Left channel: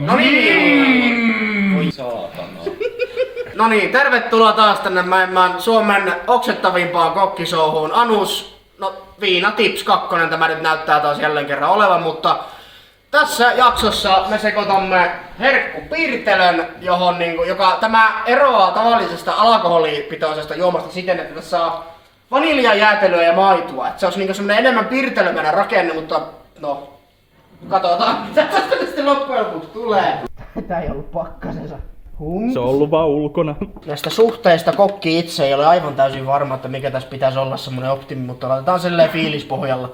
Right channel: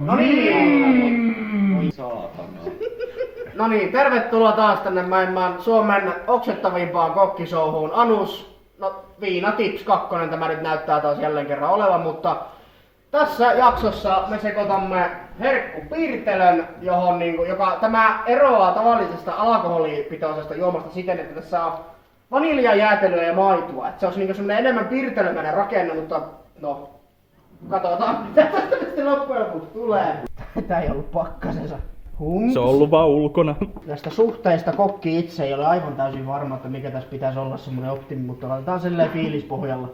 No niin! Voi saatana. No niin, tervetuloa taas tänne maailman Suomen oksettavimpaan kokkishowhun. Anus, no Viina Tips 2 tämä nyt näyttää taas jälleen kerran olevan, mutta tässä jaksossa me sekoitamme herkkupiirtelön, joka tämä eroaa tavallisesta alkoholipitoisesta juomasta siten, että tässä saa vaniljajäätelöä ja maitoa. Että se olisi semmoinen enemmän piirtelömäinen rakenne, mutta no, katsotaan mitä tästä sitten loppujen lopuksi tulee. Tää ei ollut pakkasensa. Se on ollut vaan ulkona. Näistä suhteista kokki itse ei ole aivan täysin varma, että mikä tässä pitäisi olla semmonen optimi, mutta laitetaan silleen fiilispohjalla.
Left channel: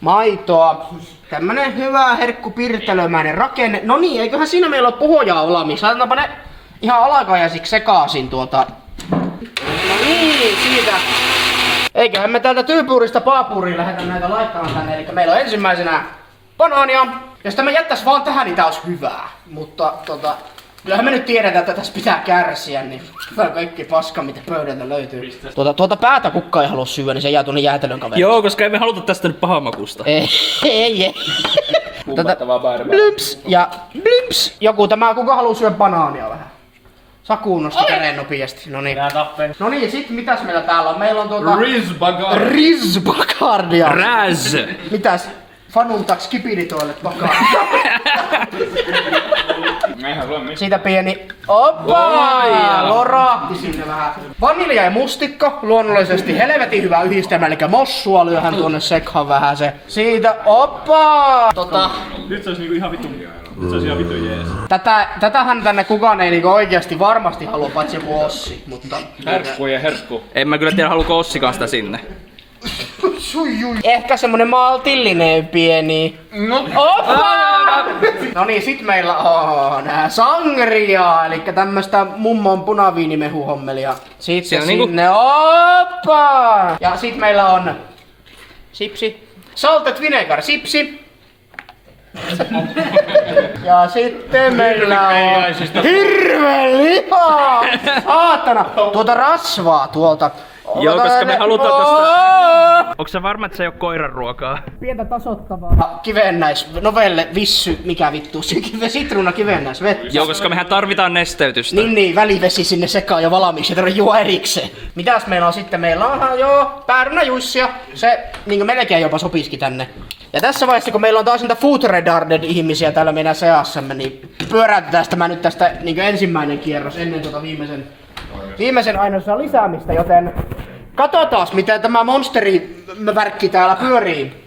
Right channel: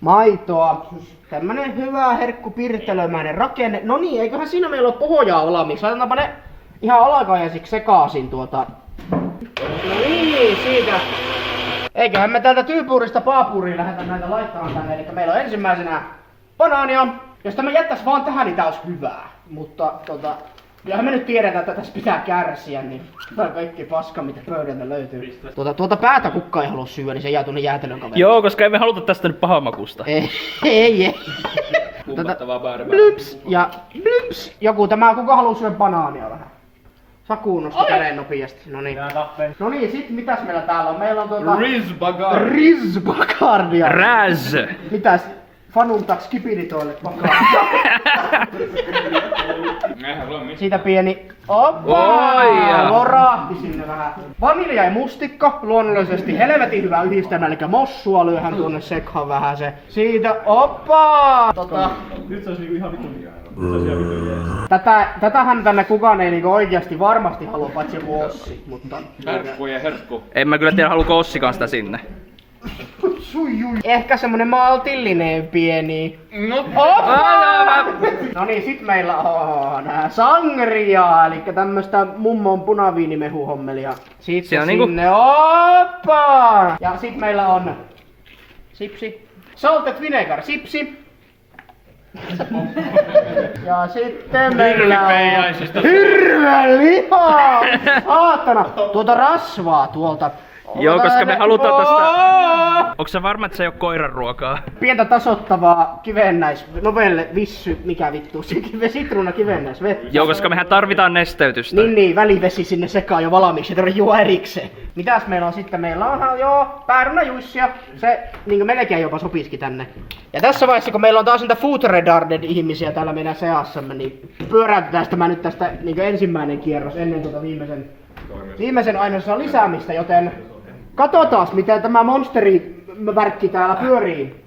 Maitoa, tämmönen hyvä herkkupirtelömäinen rakenne. No niin, eiköhän siinä meillä ole pohjaa valmiiksi. Laitetaanpa ne ihan alakajaisiksi sekaisin tuota. No niin, siitä. Eiköhän me täältä tyypuurista paapuriin lähdetä näitä laittamaan tänne. Eli meillä on ensimmäisenä banaania. Jos tämä jättäisi vaan tähän, niin tää olisi hyvää. Mutta kyllähän me nyt tiedetään, että tässä pitää kärsiä, niin tää on kaikki paska, mitä pöydältä löytyy. Tuota päätä kukka ei halua syödä, niin se jää tuonne jäätelön kaveriksi. Joo, koska emme haluta tästä nyt pahamakusta. Ei. Kummattavaa bärbää. Blyps ja blyps. Kuka haluu syödä banaania vähän? Sakuun nosti käden nopeasti. No niin, sit mitäs meillä täällä on? Meillä on Rizbagardia. Räz! Mitäs? Fanuntaks kipinitoille takaa. Siitä pieni loraatti sinne vähän. Vanilja ja mustikka, luonnollisesti helvetin hyvä yhdistelmä, eli mossua lyöhän tuonne sekhaan vähän se. Siitä Nyt se olisi niinku ihan vittu. Se olisi ihan vittu jees. Tätähän tänne kukaan ei niinku oikeasti varmasti halua, paitsi joku Ossi, mutta... Herkku. En mä kyllä tiedä, haluuko Ossikaan sitä sinne. Ehkä semmonen maltillinen pieni. No niin, sit meillä on sangria, eli tämmöstä mummon punaviinimehuhommelia. Sitten sinne, Ja sit meillä on sipsi. Salted vinegar sipsi. Ja sitten meillä on hirveän lihaa! Saatana! Tuota rasvaa tuolta. Joo, koska me halutaan tästä... Onko sä varma, että se ei oo koiran ruokaa? Pientä tasoittavaa novelle vissy, mikä vittu, sitruuna vettä. Joo, koska mehän tarvitaan nesteytystä. Niin, välivesi sinne sekaan jo valmiiksi, ei tarvitse juo erikseen. Mitäs meillä on sitten? Meillä on päärynäjuissia, se niin melkein jopa sopiski tänne. Ja tässä vaiheessa, kun meillä on taas niitä food retarded ihmisiä täällä meidän seassamme, niin pyöräytetään tämä nyt tästä niin ensimmäinen kierros ennen viimeisen aineosan lisäämistä, joten katsotaan miten tämä monsterivärkki täällä pyörii.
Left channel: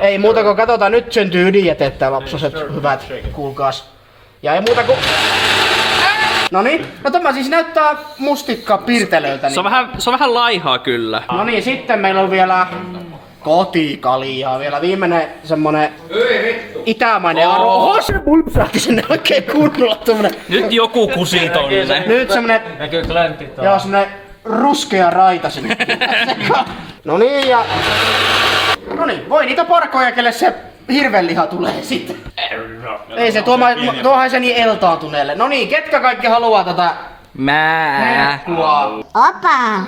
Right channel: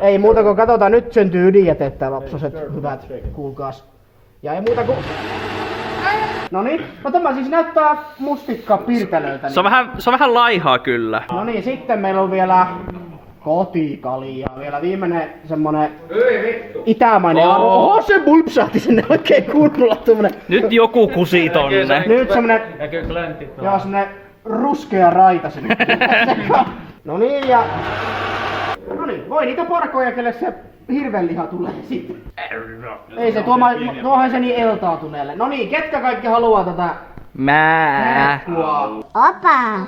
Ei muuta kuin katsotaan, nyt syntyy ydinjätettä, lapsoset hyvät, kuulkaas. Ja ei muuta kuin... Noniin, no tämä siis näyttää mustikka pirtelöltä. Se on vähän laihaa kyllä. No niin, sitten meillä on vielä kotikaljaa, vielä viimeinen semmonen itämainen arvo. Oho, se bulpsahti sinne oikein kunnolla tommonen. Nyt joku kusi tonne. Nyt semmonen, semmonen ruskea raita sinne. Noniin ja... Noniin, voi niitä parkoja, kelle se hirvenliha tulee sitten. Ei se, tuohan se niin eltaantuneelle. Noniin, ketkä kaikki haluaa tätä herkkua? Opa.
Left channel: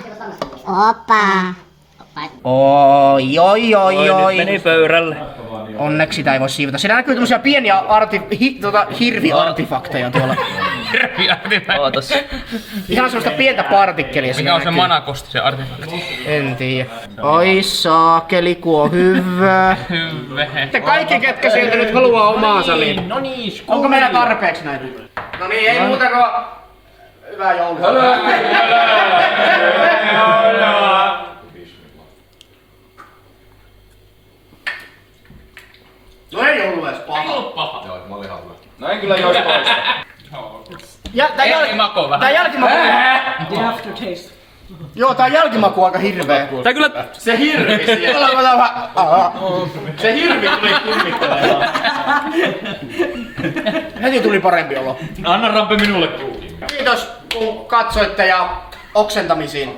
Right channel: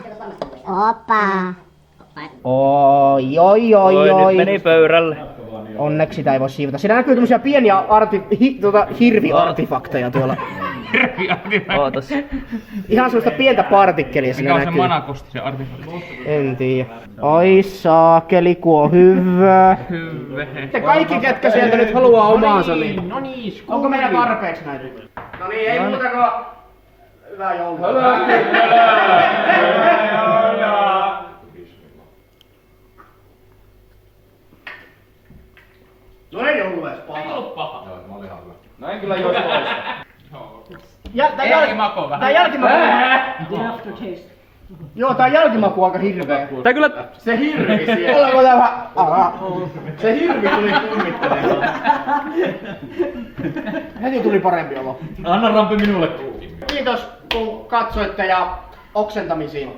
Oi. Nyt meni pöydälle. Onneksi sitä ei voi siivota. Siinä näkyy tämmösiä pieniä hirviartifakteja tuolla. Ootas. Ihan semmoista pientä partikkelia. Mikä on se manakosti, se artefakti? En tiedä. Oi saakeli, ku on hyvä. Hyvä. Kaikki ketkä sieltä nyt haluaa omaansa, niin... Onko meillä tarpeeksi näitä? No niin, ei muuta kuin... Hyvää joulua. No ei ollut edes paha. Ei ollut paha. Joo, mä olin ihan hyvä. No en kyllä jois poista. Tää jälkimaku... Joo, tää jälkimaku on aika hirveä. Tää kyllä... Se hirvi siellä. Se hirvi tuli kummittelemaan. Heti tuli parempi olo. Anna rampi minulle. Kiitos kun katsoitte ja oksentamisiin.